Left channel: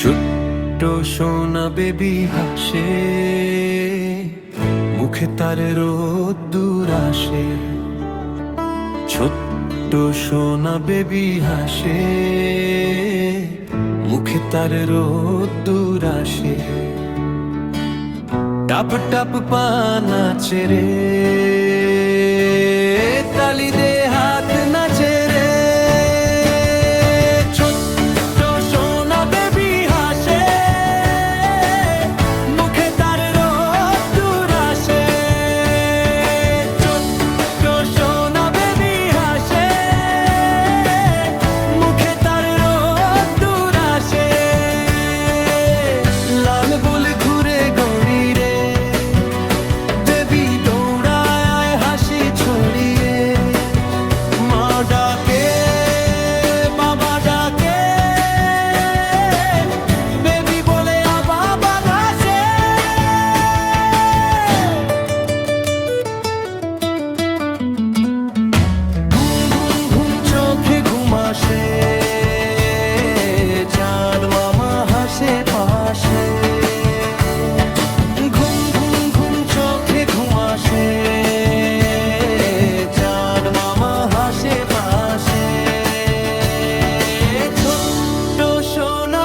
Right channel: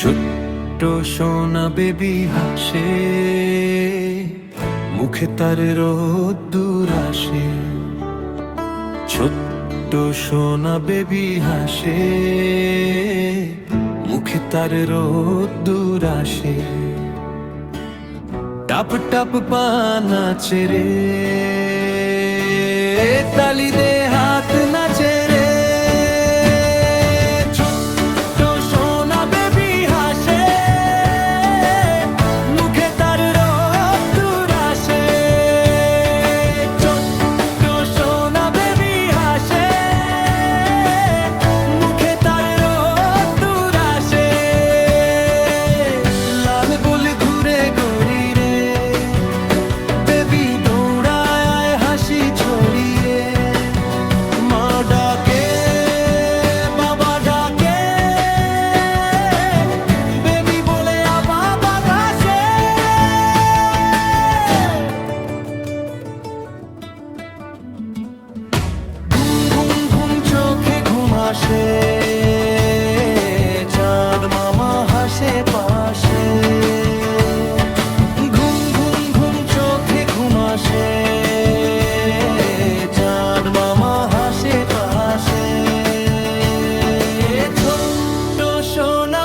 ছোট্ট সোনা বেবি হাসে, মুখে তার রোদ্দুর আসে। ছোট্ট সোনা বেবি হাসে, মুখে তার রোদ্দুর আসে। টাপ টাপ পানা চেরে, তালি দে হাত নাচে রে। ছোট্ট সোনা বেবি হাসে, মুখে তার রোদ্দুর আসে। ছোট্ট সোনা বেবি হাসে, মুখে তার রোদ্দুর আসে। লাল বুল ঘুরে গড়ি রে, বেবি দৌড়ায় হাসি ছড়িয়ে। মা ডাকে, বাবা ডাকে, বেবি বলে আবার আসে। ঘুম ঘুম ঘুম চোখে ঘুম আসে, চাঁদ মামা হাসে পাশে। ঘুম ঘুম ঘুম চোখে ঘুম আসে, চাঁদ মামা হাসে পাশে। ছোট্ট সোনা